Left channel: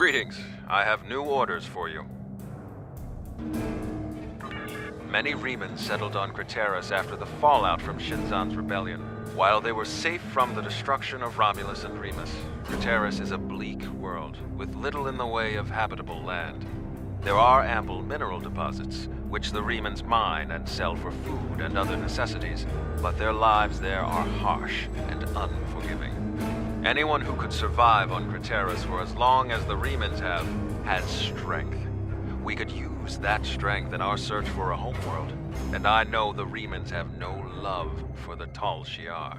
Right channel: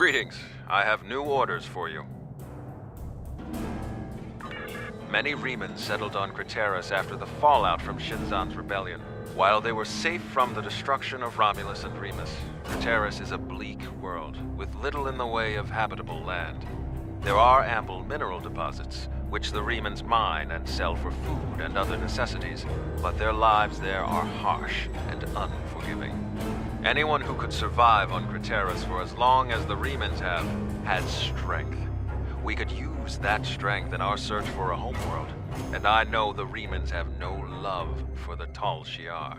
Greetings. I have new orders for you. Many Remans settled on Crateris after the fallout from Shinzan's rebellion. While they were safe from the destruction of Romulus and Remus, Crateris is a bleak world, with little in the way of habitable land. There are ample mineral deposits, which the Remans mine and sell for food and other necessities, but their lives there are harsh and unforgiving. Anyone who could survive on Crateris for as long as the Remans have, has strength. We could use that strength in our search for a homeworld, and I know the Remans have no love for the Tal Shiar.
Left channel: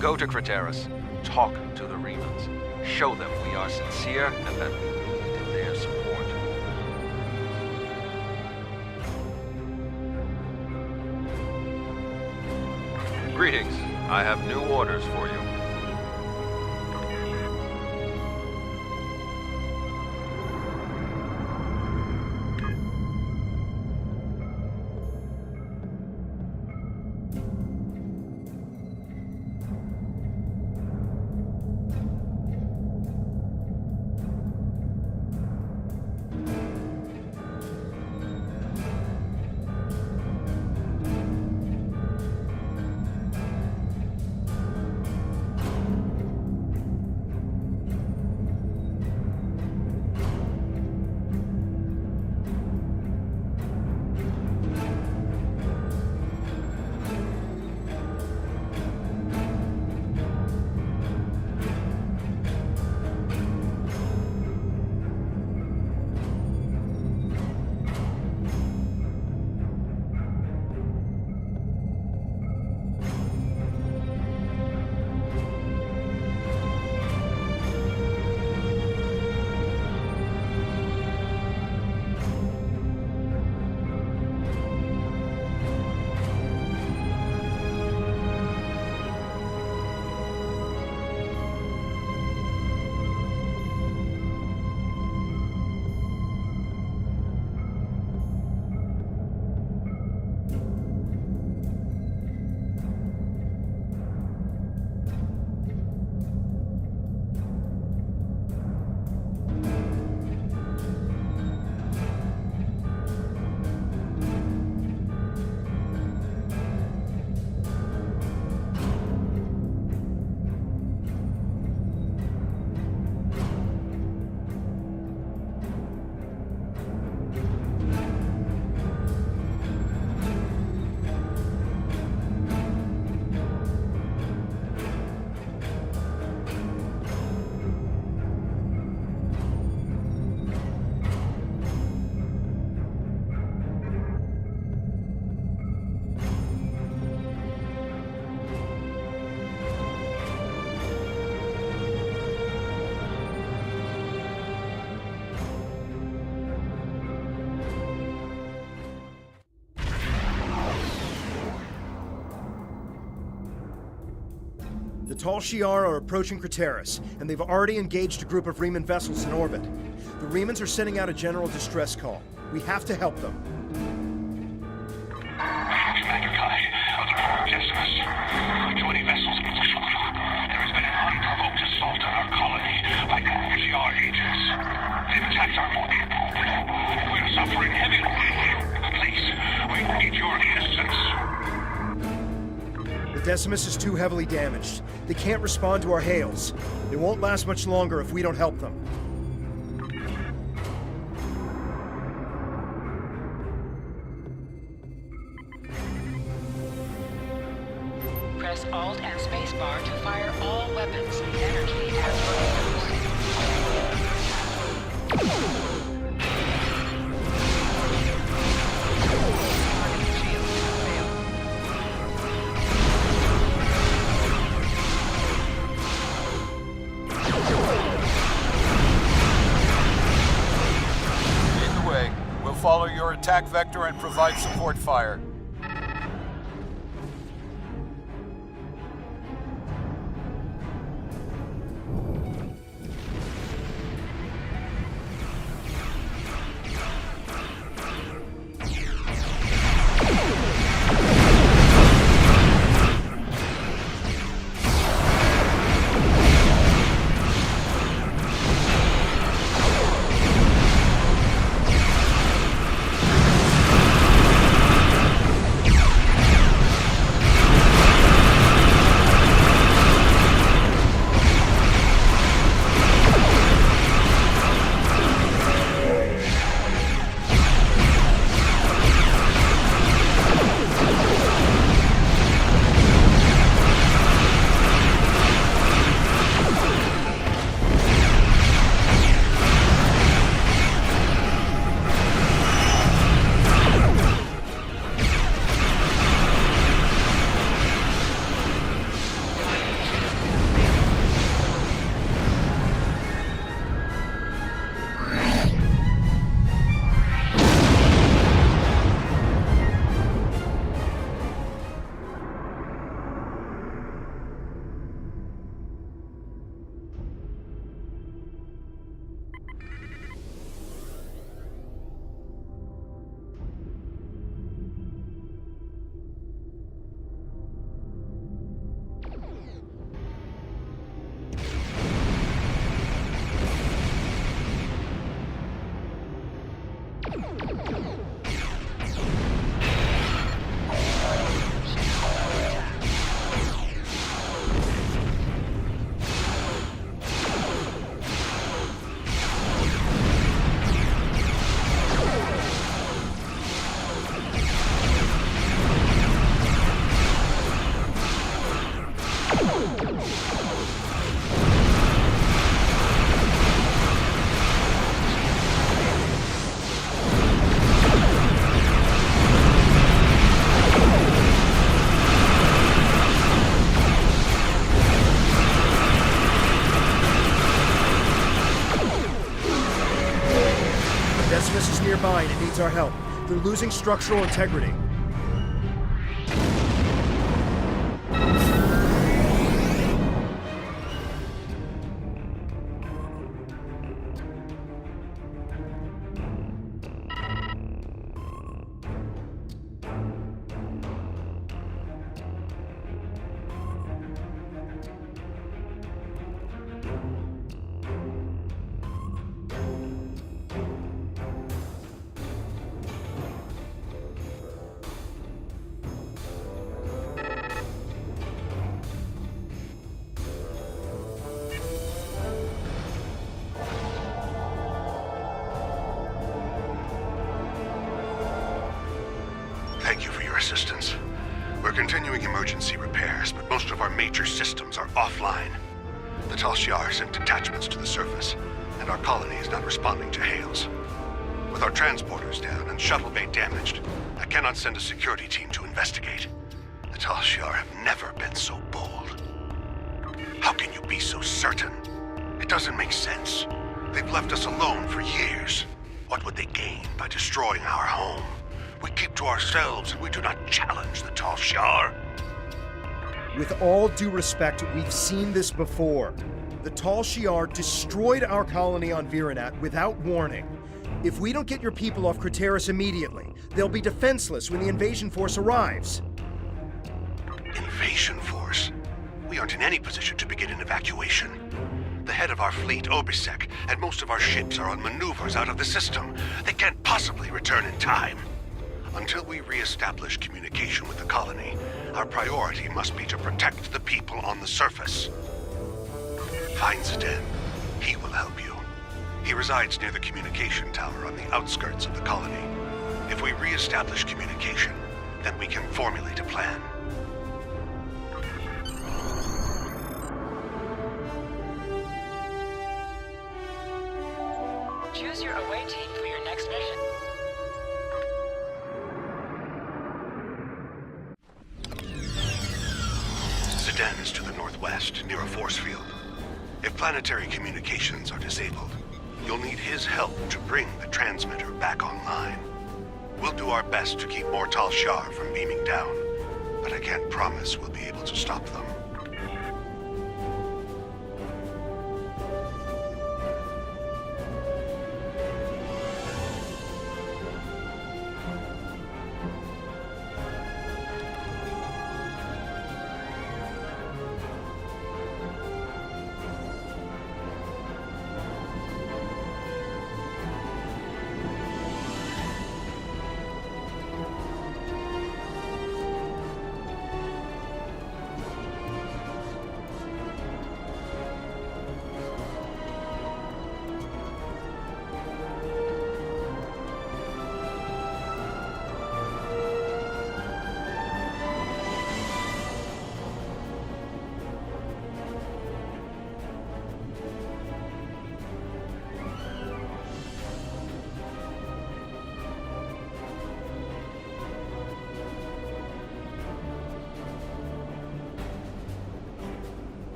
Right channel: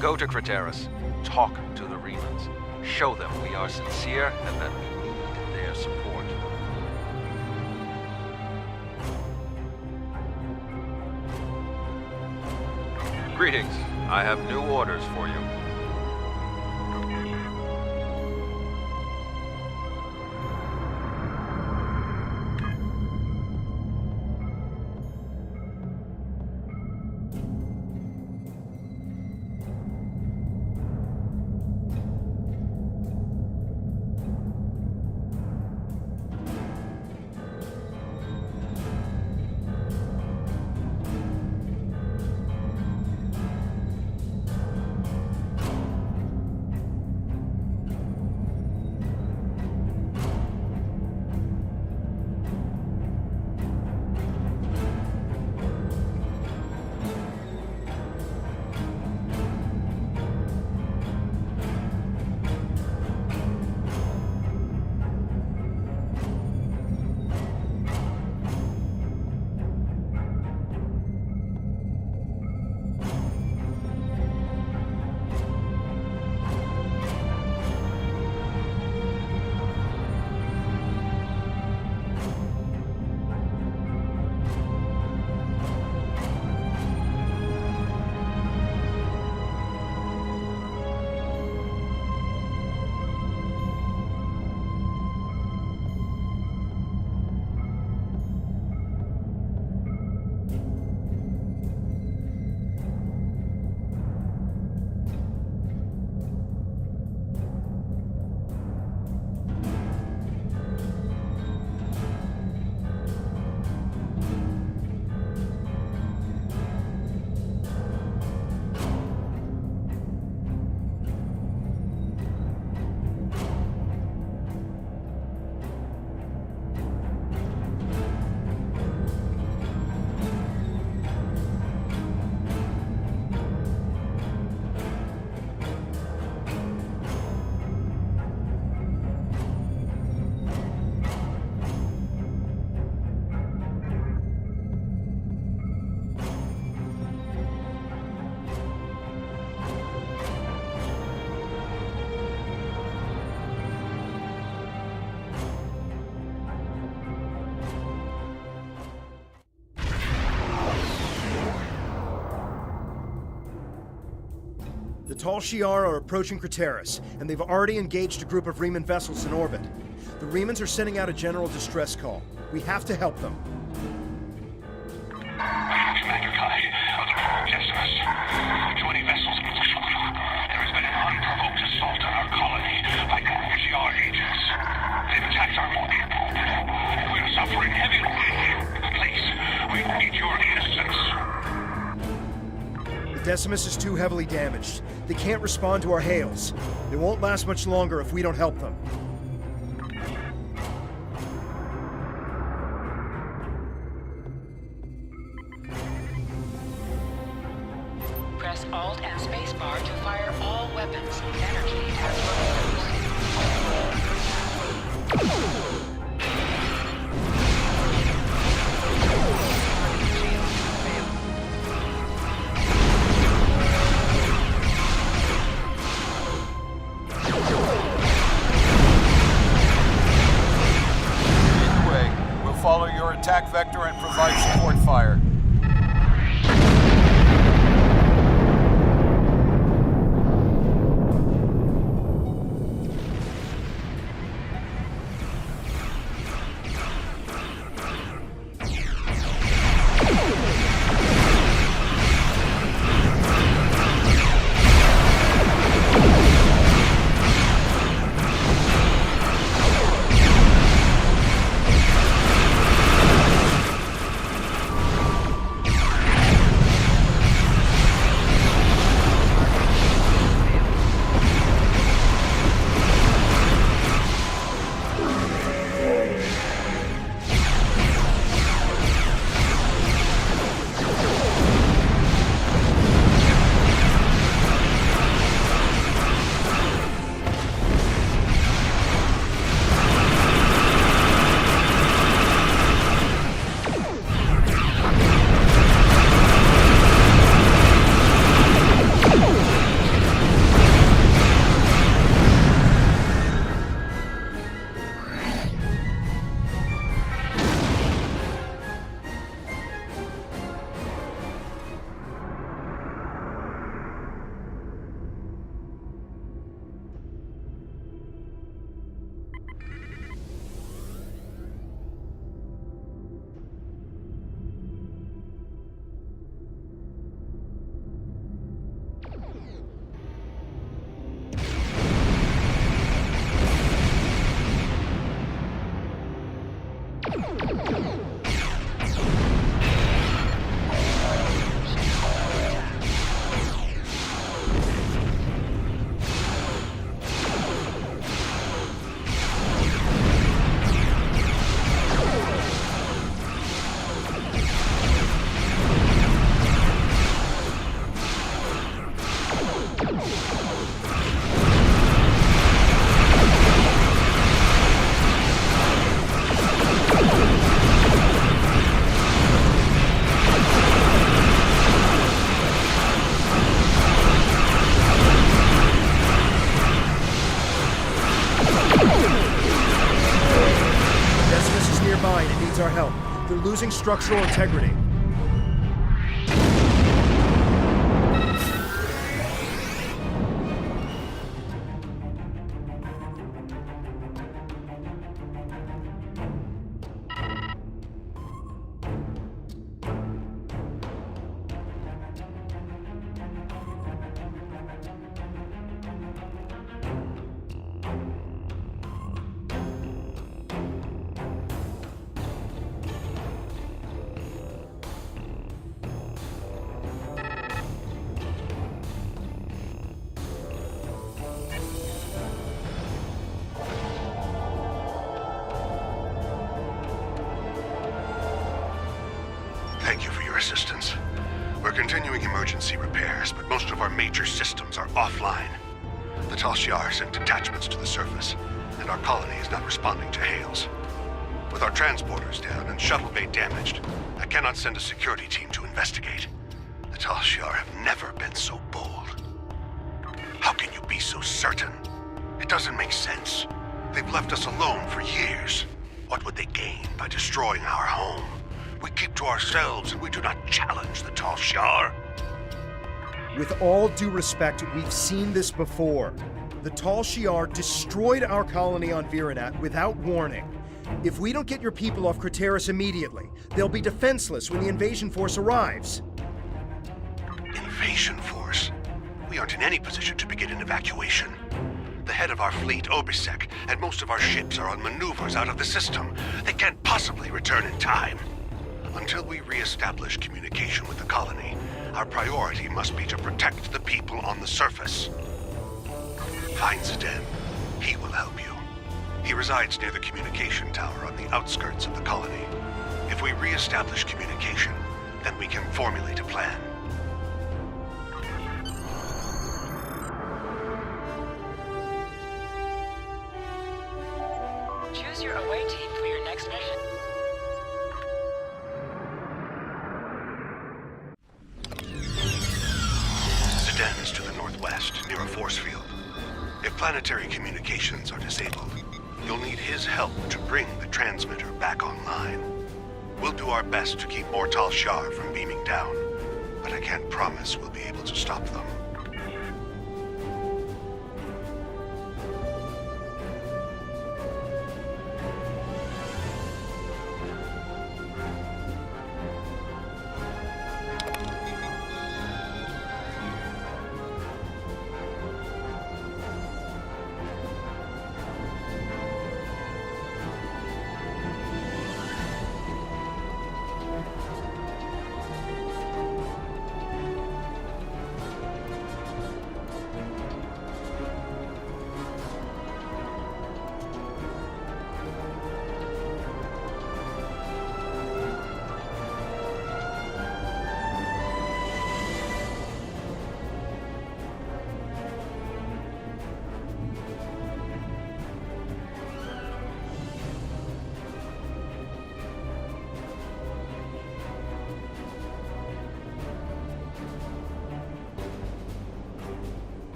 Go to Crateris, talk to the Remans, show them we are sincere and that we need their support. Greetings. I have new orders for you. The Tal Shiar are approaching Crateris, and they've already engaged a group of Reman vessels in orbit. The Remans are sending out a general distress call. We have to help them. Decimus, 20 vessels. There has been an unprovoked assault on our colony by Shiar agents. They've attacked our people. We're suffering heavy losses. Please, we need your assistance. The Decimus is too heavily damaged. They can't respond to our hails. They won't last much longer if we don't help them. Press Alt and Spacebar to fire all weapons. Energy has been used. Follow your attack vector and provide support fire. Decimus is nearby and it needs our help. They're losing structural integrity. Thank you for your assistance. We're continuing emergency repairs, but most of our major systems are offline. The Tal Shiar sent detachments to the surface, and our colony is not responding to hails. With our transporters down and shuttle bay damaged, I cannot send a security team to investigate. The Tal Shiar have never been so bold. How can you be so certain? It doesn't make sense. They've left us alone for years. What would they gain by destroying our home? We keep to ourselves and we do not challenge the Tal Shiar. With all due respect, we've seen this before. The Tal Shiar destroyed our colony on Virinat without warning. If we don't get your people off Crateris immediately, they'll be defenseless when the invasion force arrives. Invasion force? We aren't in any position to begin an evacuation. The head of our fleet, Obisek, and most of our ships are on maneuvers out of the system. They can't possibly return in time. Until we re-establish communication with the colony, our priority must be to protect the people on the surface. Find Zidane. He will help you. He resides near the communication tower on the outskirts of the colony. If we re-establish communication, then we can formulate a plan. Choose your away team for your next mission. Zidane is to the northwest, near a force field. If planetary communications are disabled, you'll need his help to bring the transmitter back online. We'll do our best to keep more Tal Shiar from beaming down, but I can't promise we'll be able to stop them.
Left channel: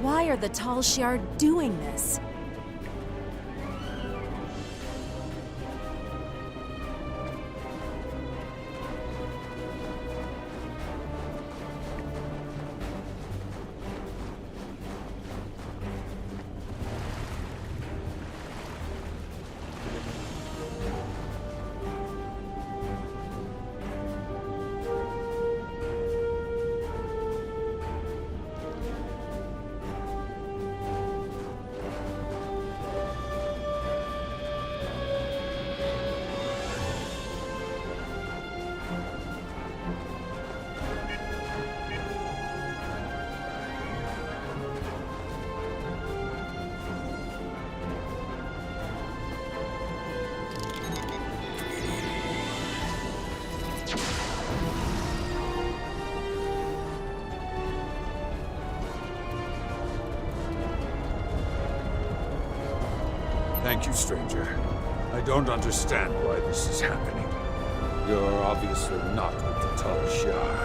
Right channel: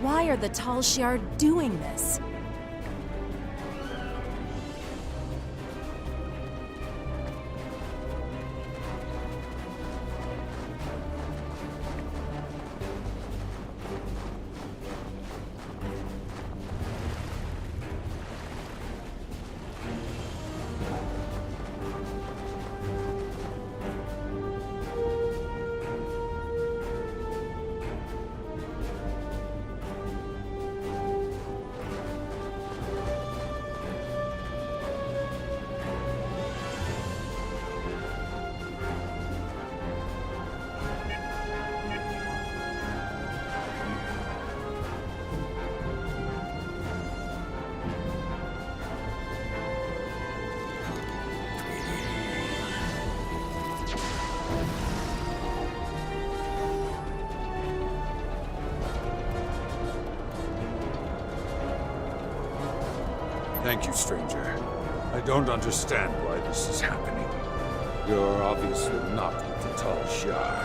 Why are the Tal Shiar doing this? Thank you, stranger. I don't understand why this is happening. You're obviously not with the Tal Shiar.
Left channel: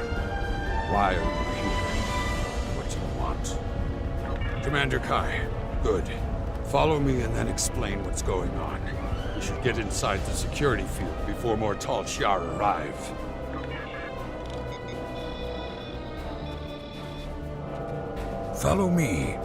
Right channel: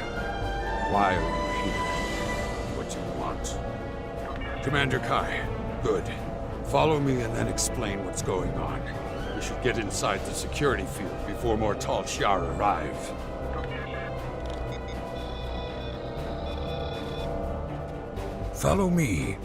Why are you here? What do you want? Commander Kai, good. Follow me and then explain what's going on. We should get inside the security field before more Tal Shiar arrive. Follow me.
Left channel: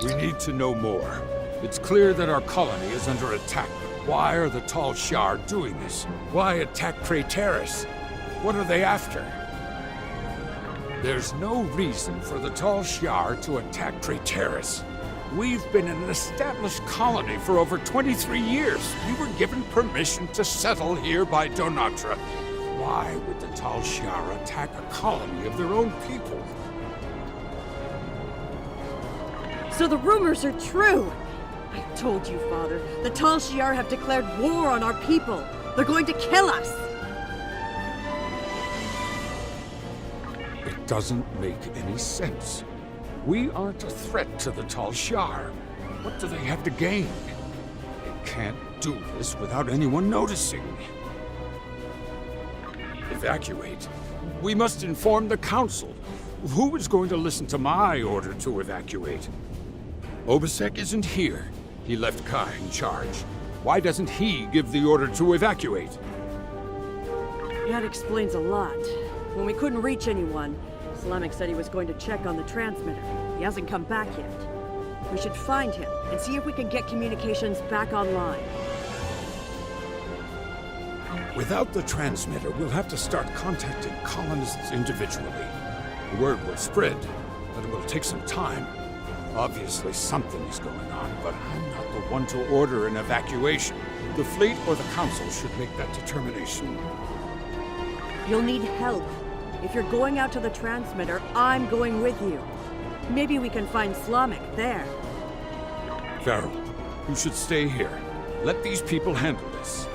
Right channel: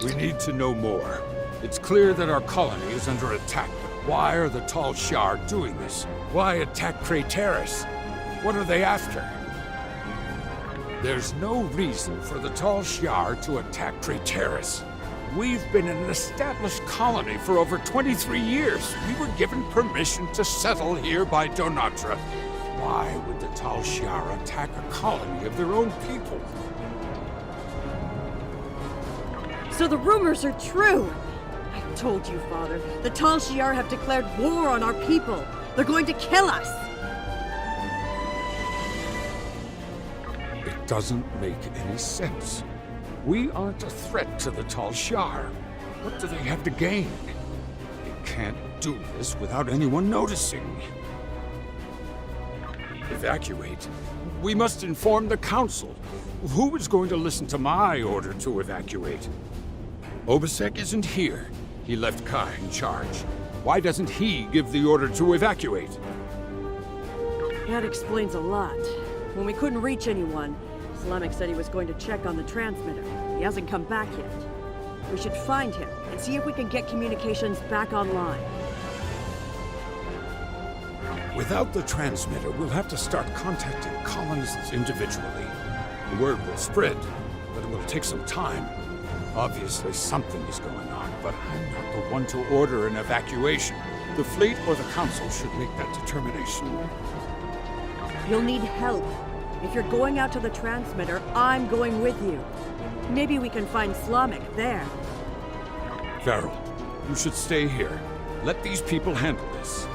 We need to know more. It's clear that our colony is under attack, but why are the Tal Shiar doing this? Why attack Crateris? What are they after? There's no reason for the Tal Shiar to attack Crateris. We've been an established colony for over 23 years. We were given permission to settle here by Donatra. Why would the Tal Shiar attack a colony of their own people? So the rumors are true! I told you, Father. The Tal Shiar have declared war on our people. They're going to kill us! It doesn't make any sense. We aren't a threat to the Tal Shiar. What do they have to gain? They can't do this without anyone noticing. Evacuate? We must inform the Council. Who is going to listen to my order to evacuate? Obasek isn't here. He left Kai in charge. Why doesn't he give the order to evacuate? That explains a lot. When we couldn't reach anyone, Slamek said he was going to check on the transmitter. He hasn't come back yet. We should find him and see if we can get communications back online. Without the transmitter, we'll have to start contacting colonists individually. The word will spread, but it will take some time. Obviously, something is going on, but I'm not the one to order an evacuation. The fleet or the Council should make that determination. You'll need help. If you're going out to the transmitter, I'm going with you. Maybe we can find Slamek there. Farrell, you should stay here. Let these people handle this.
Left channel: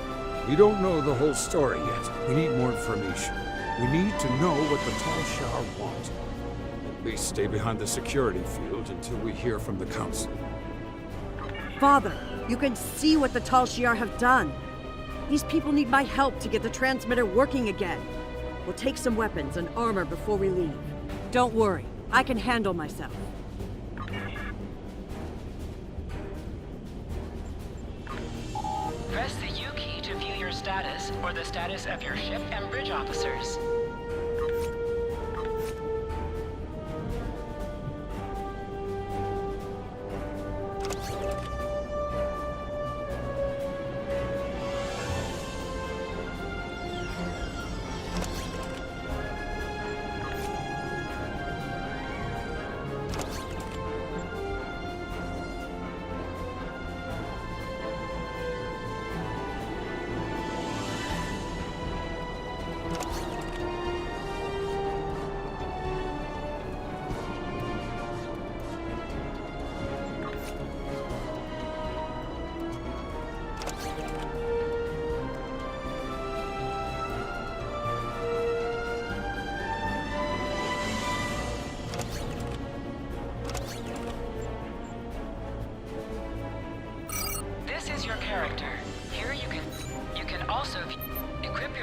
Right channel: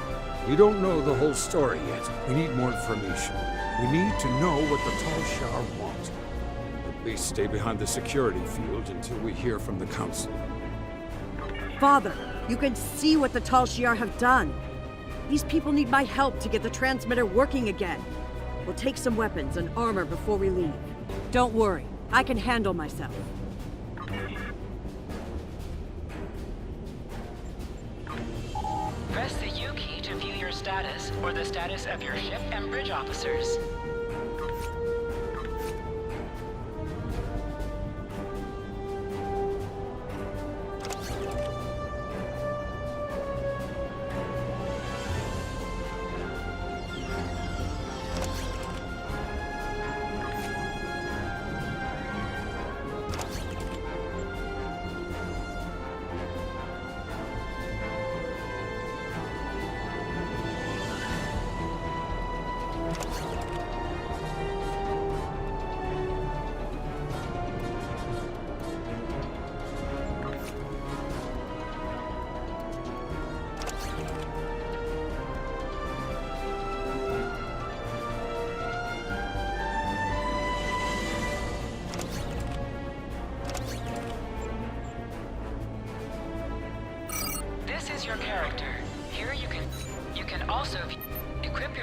We don't know the whole story yet. We need more information. We need to know what the Tal Shiar want. At least stay behind the security field until we hear from the Council. Father, you can see what the Tal Shiar have done. These people need my help to get the transmitter working again. We'll take some weapons and armor before we leave. Don't worry, I can handle myself. Press the U key to view your status or the status of your ship and bridge officers.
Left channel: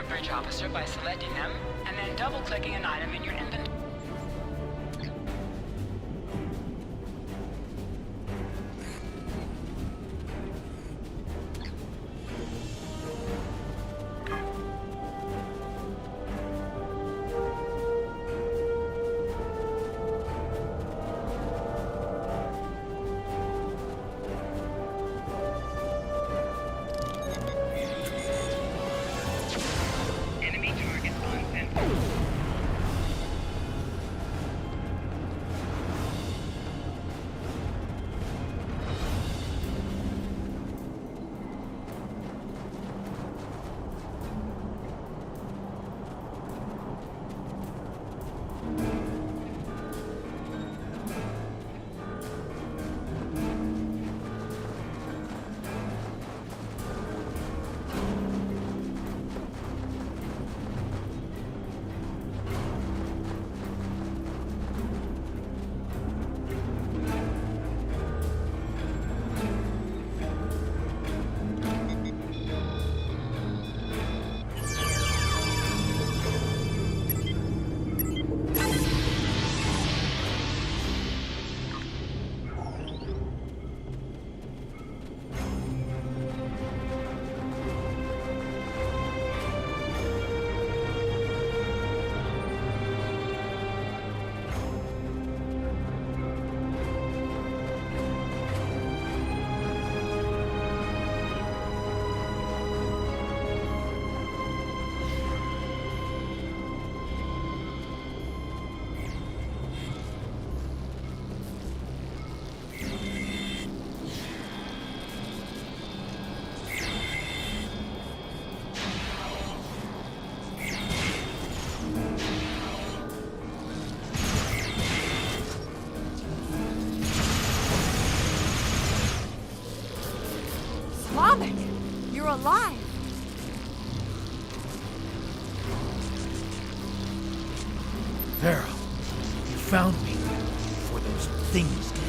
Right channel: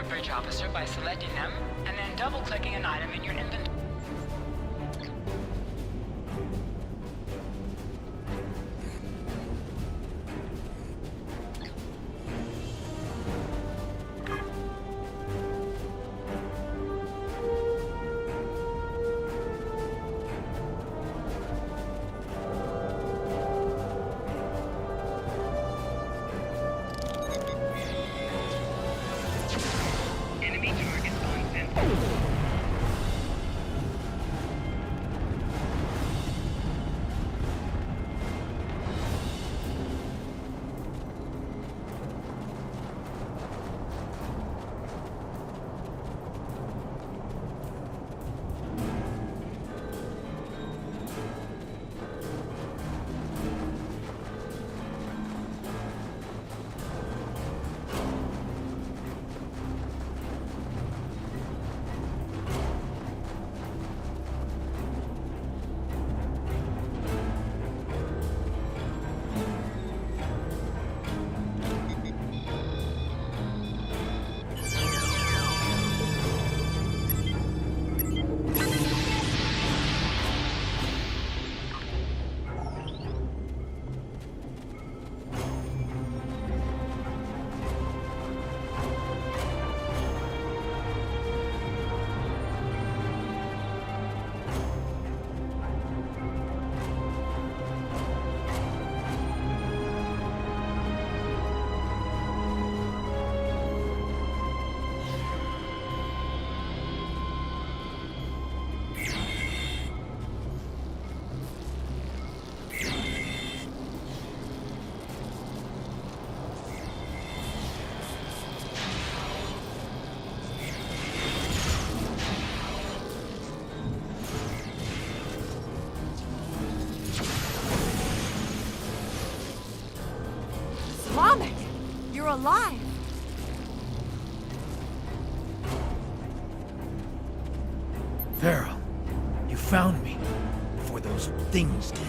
your bridge officer by selecting them, and then double-clicking an item in your inventory. Enemy target on center. Slavic, you're alive. Farrell, you found me before those things did.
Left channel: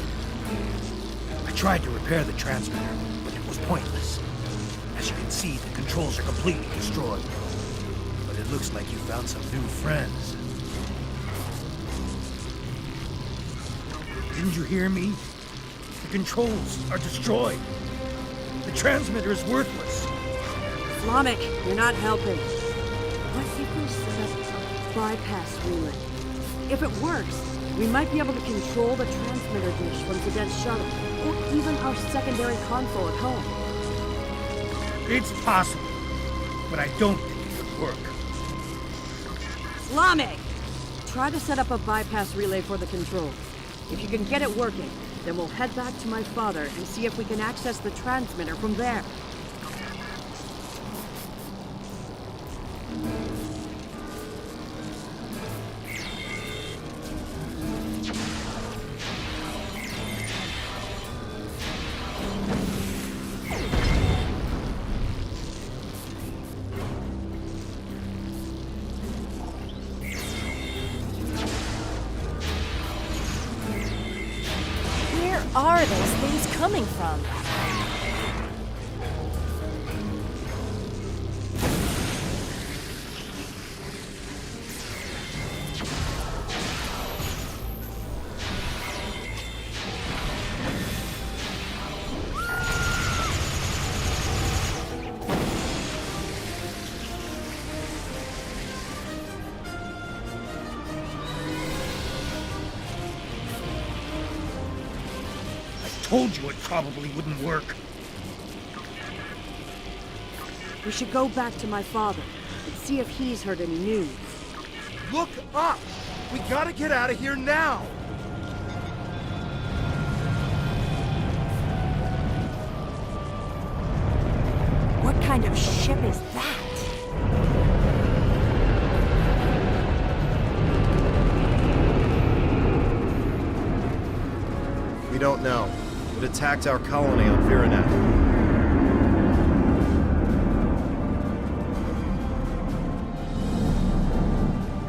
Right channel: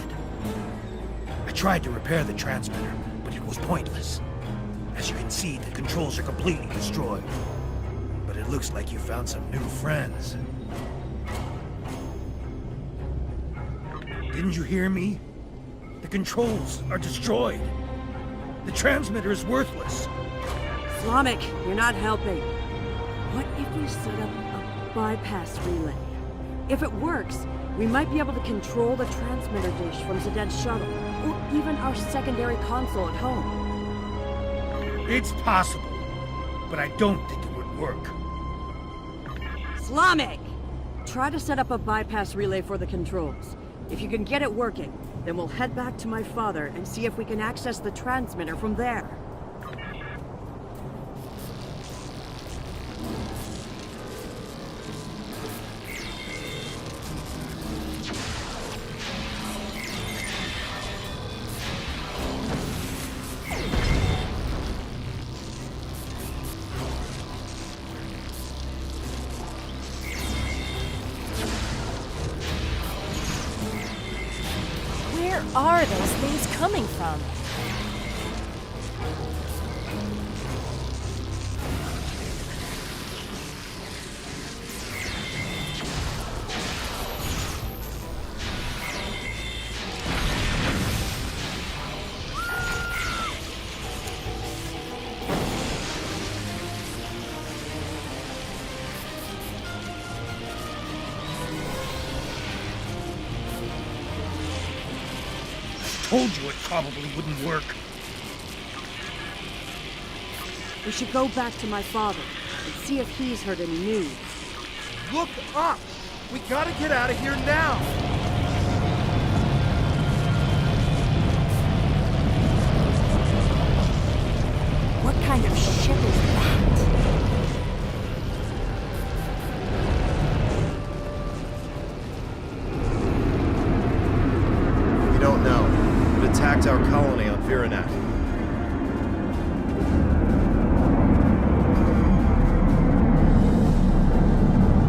I tried to repair the transmitter, but it was pointless. As you can see, the controls are completely destroyed. But it looks like you found some new friends. Didn't you hear me? The controls are destroyed. The transmitter is worthless. Slavic, you're not helping. What if we set up a bypass relay? If it works, we might be able to control the transmitter dish from Zedet's shuttle, or even our secondary console at home. It's possible, but I don't think it would work. Slavic! Try to set up a bypass relay for the controls. If you can get it working, then we'll head back to my father and see if we can access the transmitter from there. Where are those things coming from? Told you it probably wouldn't work. We should go back to my father and see if he's heard any news. Look up! We gotta get out of here now! What kind of ship is that? We don't know. It attacked our colony on Viranet.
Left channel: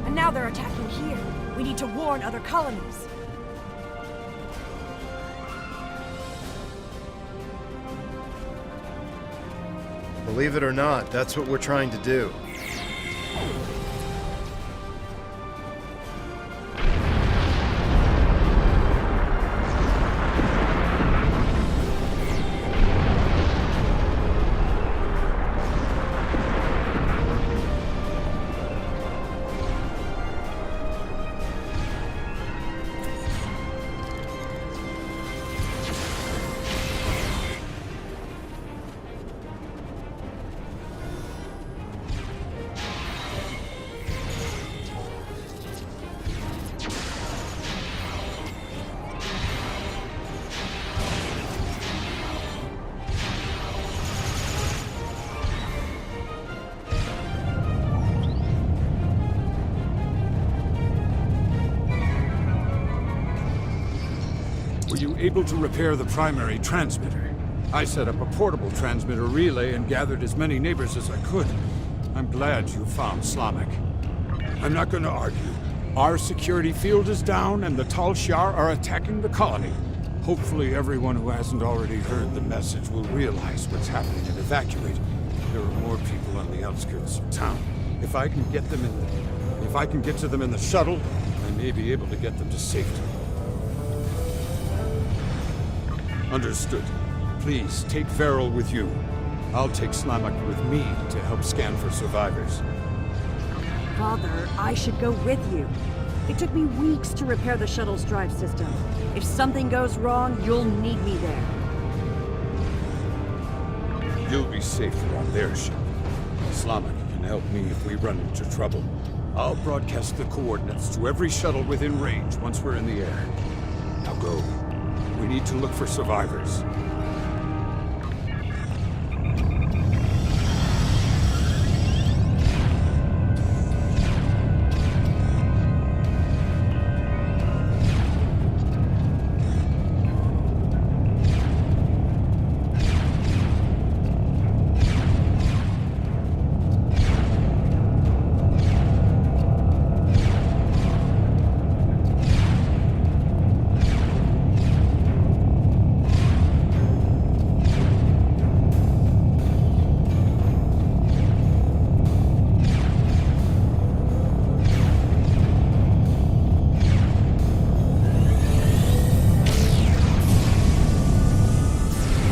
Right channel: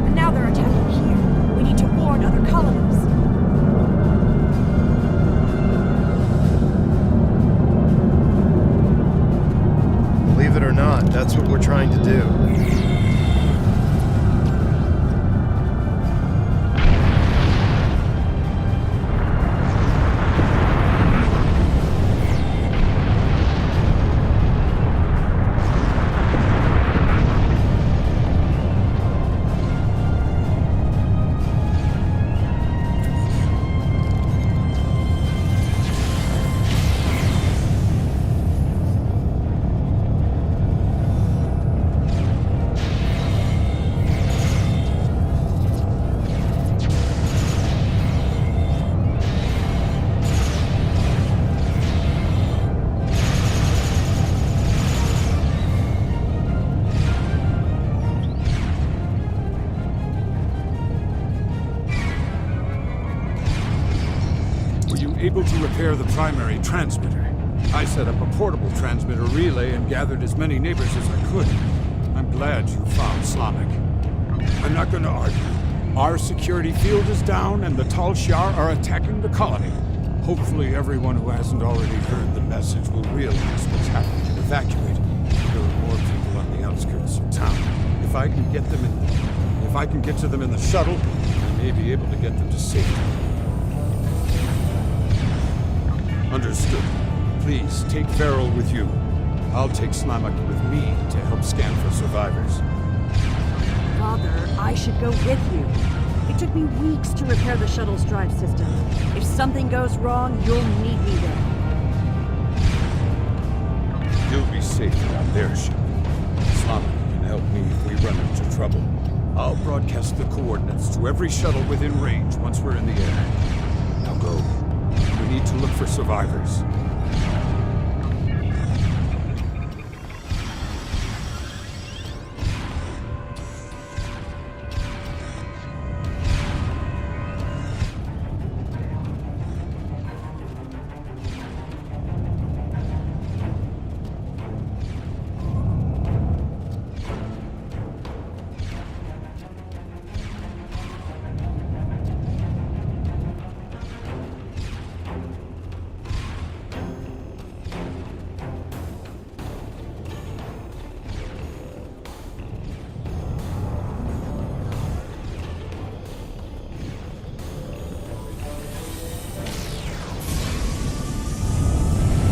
And now they're attacking here. We need to warn other colonies. Believe it or not, that's what we're trying to do. able to repair the primary transmitter. I set up a portable transmitter relay and gathered as many neighbors as I could. I'm glad you found Slamek. I'm not going to argue. Our security field is down and the Tal Shiar are attacking the colony. Hopefully everyone who hasn't already heard the message will realize what's happening and evacuate. There are more people on the outskirts of town. If I can get to them in the shuttle, I may be able to get them to safety. Understood. Please take Farrell with you. I'll take Slamek with me to help scan for survivors. Father, I should go with you. It took me weeks to repair the shuttle's drive system. If something goes wrong, you'll need me there. You'll be safer on their ship. Slamek can help me if we run into trouble. I'll broadcast the coordinates to every shuttle within range once we're in the air. Now go. We need to look for survivors.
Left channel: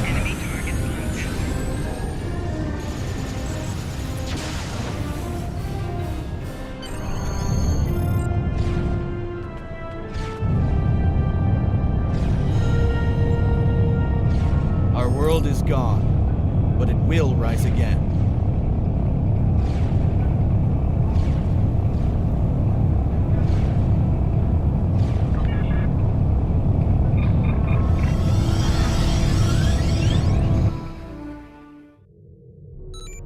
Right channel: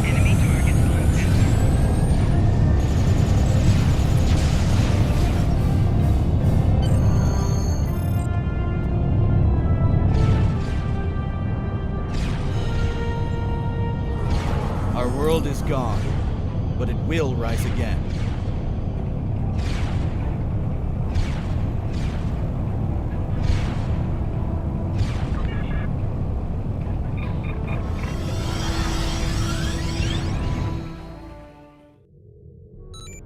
Enemy targets on sensor. Our world is gone, but it will rise again.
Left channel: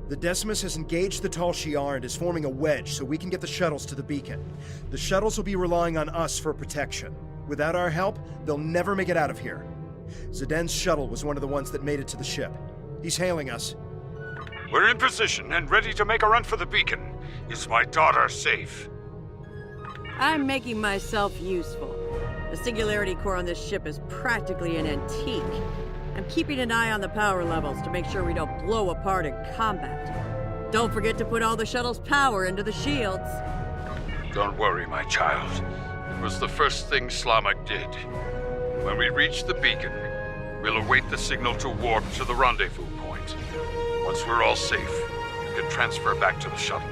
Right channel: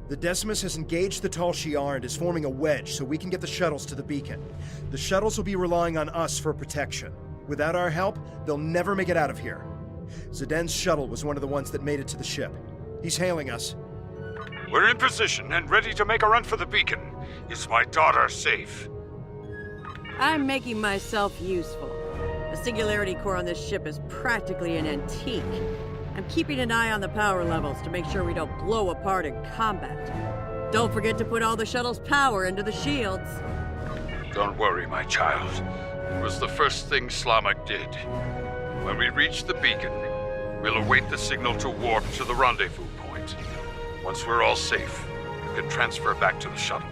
The Decimus has engaged the Tal Shiar and is forming a wedge so we can get the shuttles to the beacon. The shuttles will be relying on us for protection. Without our help, they'll never make it out of here. Zden's shuttle was one of the ones that made it to the ship. He's hailing us. We're in position and ready to make a run for the beacon. Is my daughter safe? I'm making myself useful. The singularity core on this ship is practically an antique. I'm keeping an eye on the power levels to make sure we don't blow apart in combat. Don't forget to put all the shuttle's power into the shields. Don't worry, my child. It was the first thing Slamek did. When we reach the beacon, we'll await the signal to warp to the rendezvous point. Once we're all safe, you can transfer back to the shuttle.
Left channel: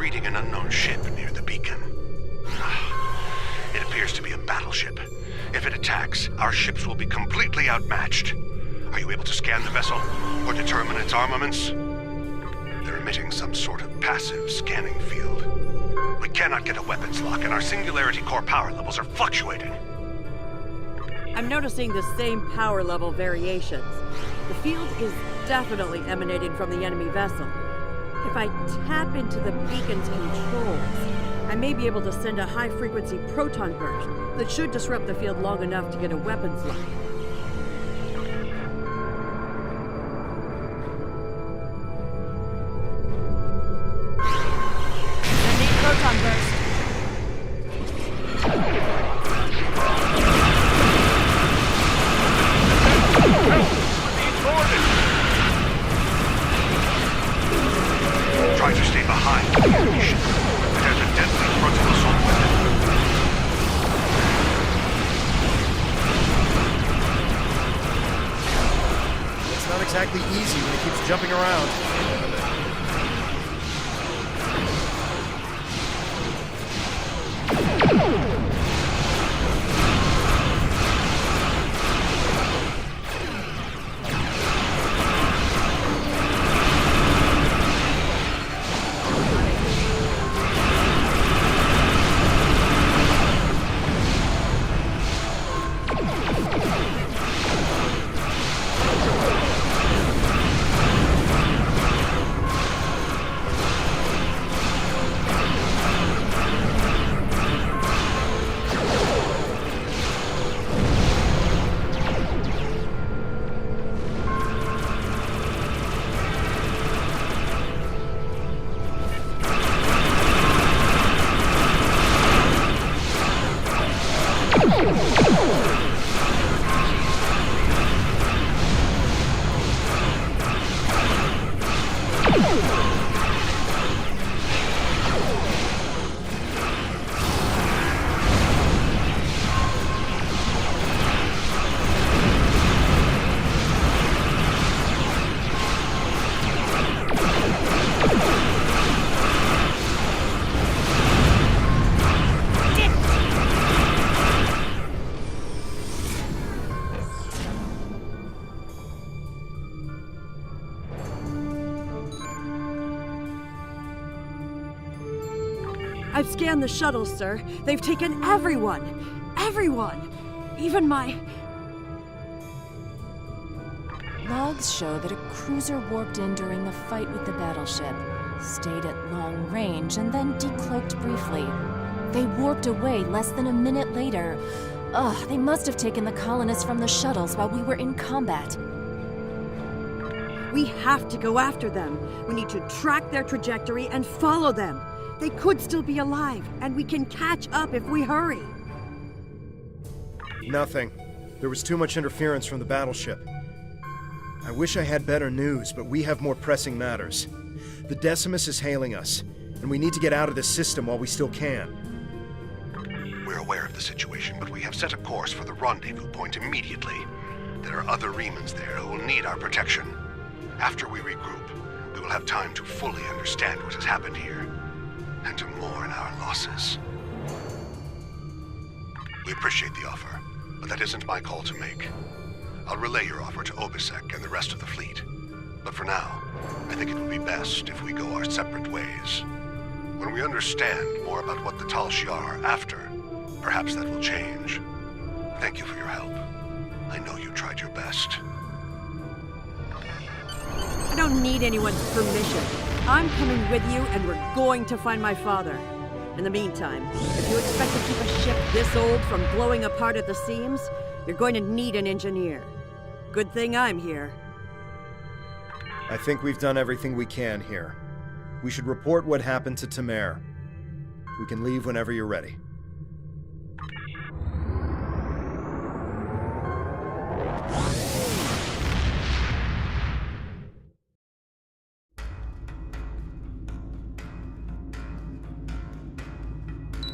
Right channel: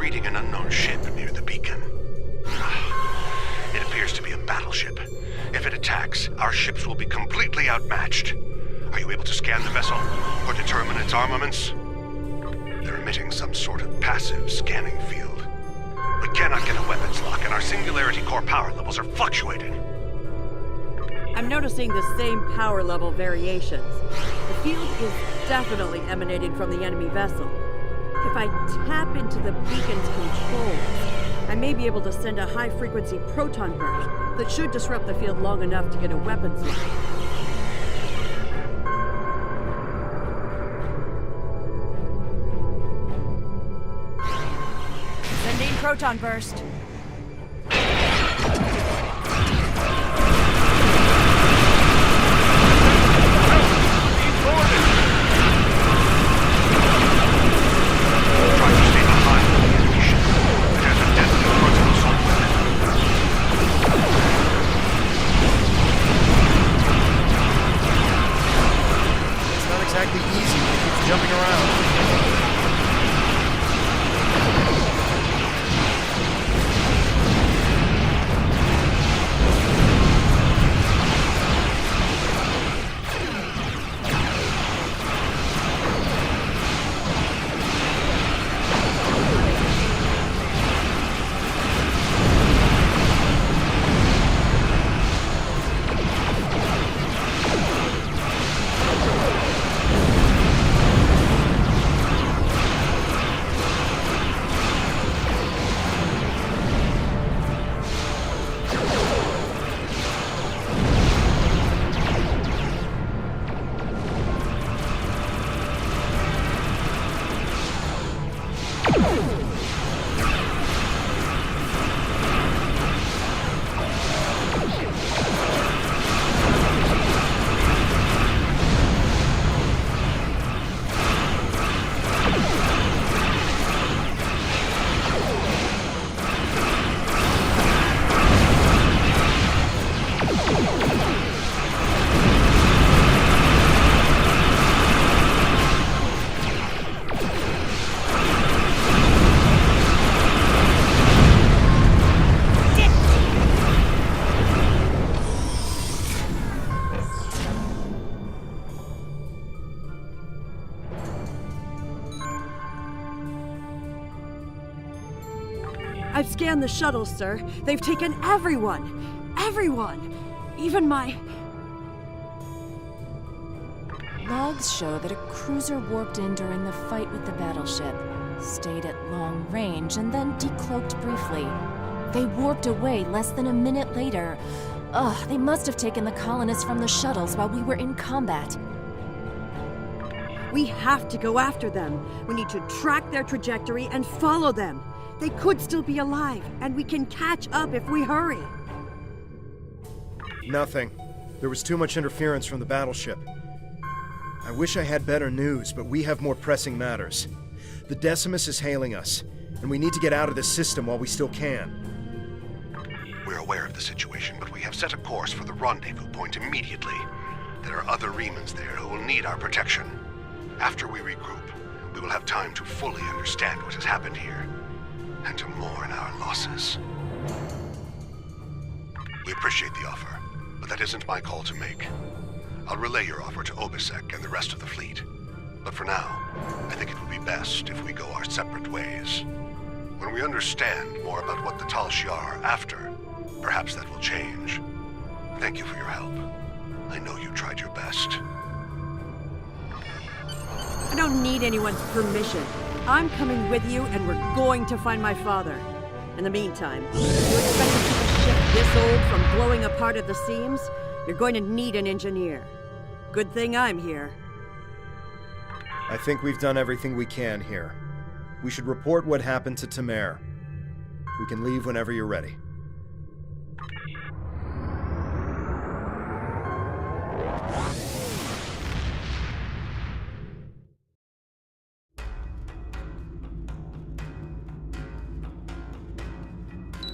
reading an unknown ship near the beacon. It appears to be a battleship. If it attacks, our ships will be completely outmatched. Are you able to scan the vessel or determine its armaments? They're emitting some sort of passive scanning field. We cannot get a weapons lock, and our singularity core power levels are fluctuating. I'm noticing the same power level variations. The field is definitely emanating from the enemy vessel. If I tap into the beacon's controls, I may be able to send a high-frequency proton burst that should disrupt the field long enough to get a weapons lock. Sending proton burst. Try to stay behind the enemy ship. It has a deadly frontal assault weapon. It's not exactly easy when it keeps jumping around. I've scanned the shuttle, sir. They've taken everyone. Everyone. Even my... Logs show that a cruiser warped in during the fight with the battleship, stayed at long range, and then decloaked briefly. They warped away less than a minute later. Ugh, they must have taken the colonists from the shuttles while we were in combat. We have to go after them. We need to track their trajectory and follow them. They could still be alive, and we can catch up if we hurry. Nothing. There was too much interference from the battleship. I wish I had better news, but we have more pressing matters. The Decimus is hailing us, and we need to get out of this system while we still can. We're aware of the situation, but we have set a course for the rendezvous point immediately. There are other Remans there who will need our protection. After we regroup, we will have time to fully understand what has happened here, and to mourn our losses. We appreciate the offer, but that isn't my call to make. I'll relay your offer to Obisek and the rest of the fleet. But for now, I think it would be best if we go our separate ways. When we understand more about what the Tal Shiar are after, perhaps that will change. Thank you for your help. I know you tried your best. I don't need anyone's permission. I'm coming with you, and we're going to find my father. In the meantime, if you expect to keep a ship this old from blowing apart at the seams, you're going to need an engineer. Good thing I'm here. I think we've done everything we can here. We should report what happened to Tamer. We can leave whenever you're ready.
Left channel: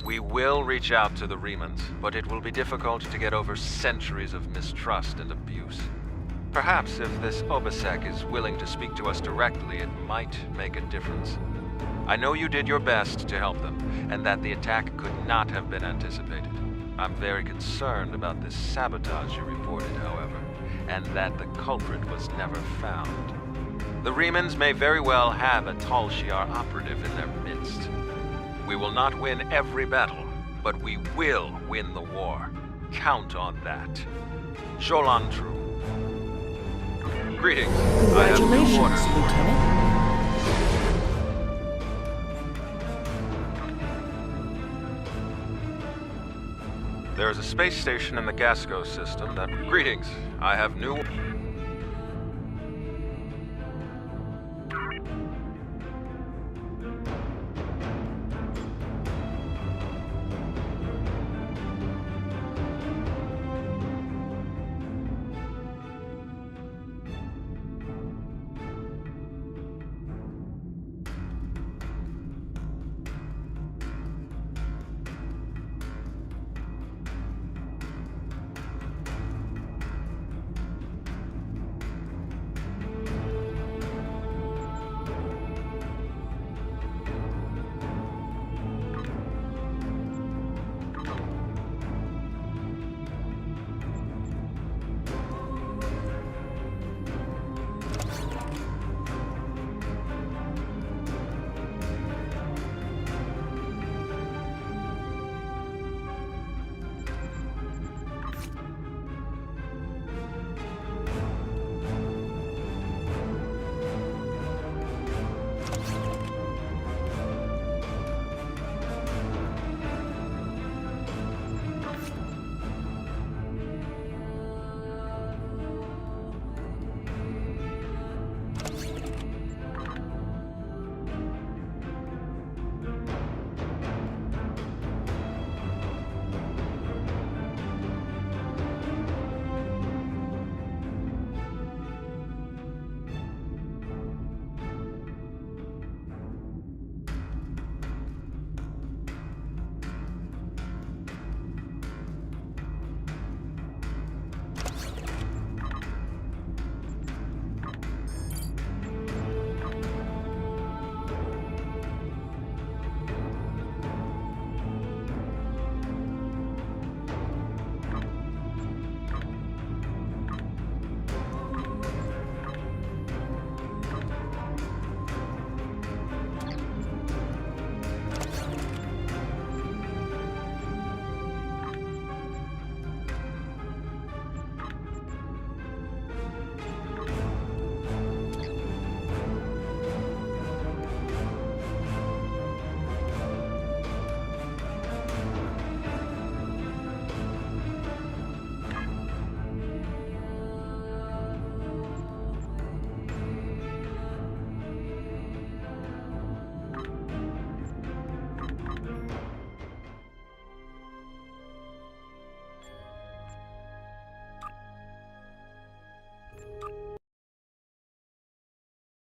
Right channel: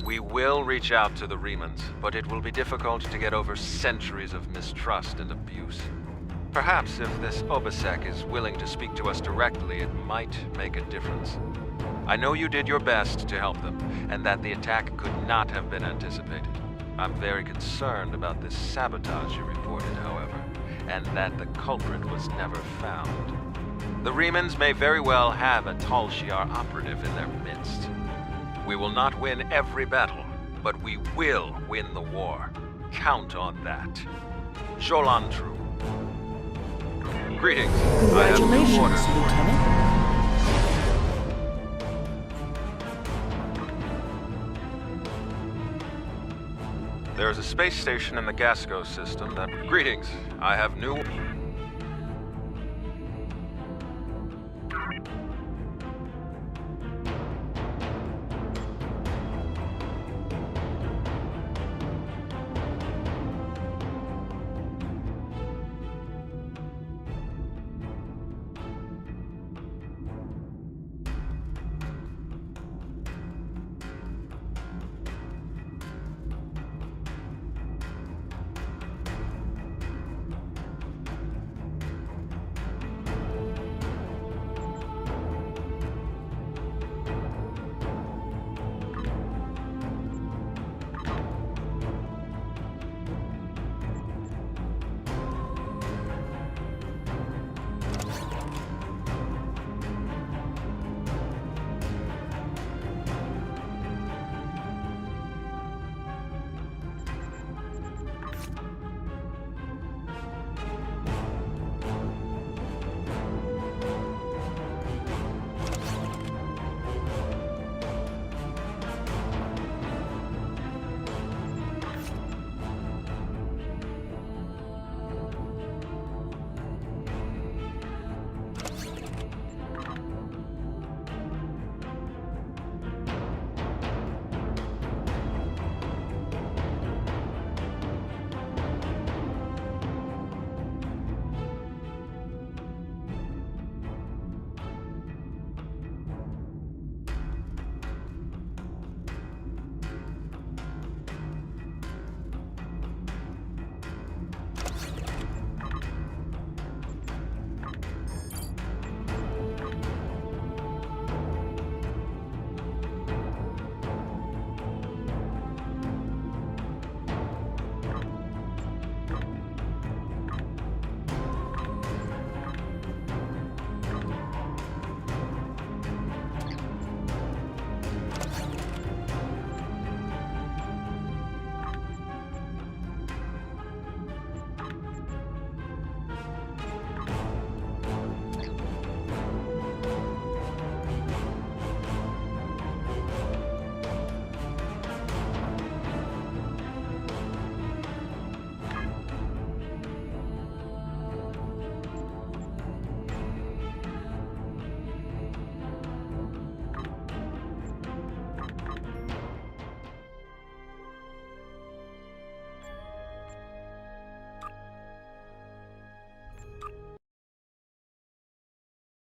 We will reach out to the Remans, but it will be difficult to get over centuries of mistrust and abuse. Perhaps if this Obisek is willing to speak to us directly, it might make a difference. I know you did your best to help them, and that the attack could not have been anticipated. I'm very concerned about this sabotage you reported, however, and that the culprit was never found. The Remans may very well have a Tal Shiar operative in their midst. We will not win every battle, but we will win the war. Count on that. Jolantru. Greetings. I have new Congratulations, orders. Lieutenant. There is a space station in the Gasco system that... Greetings. I have new...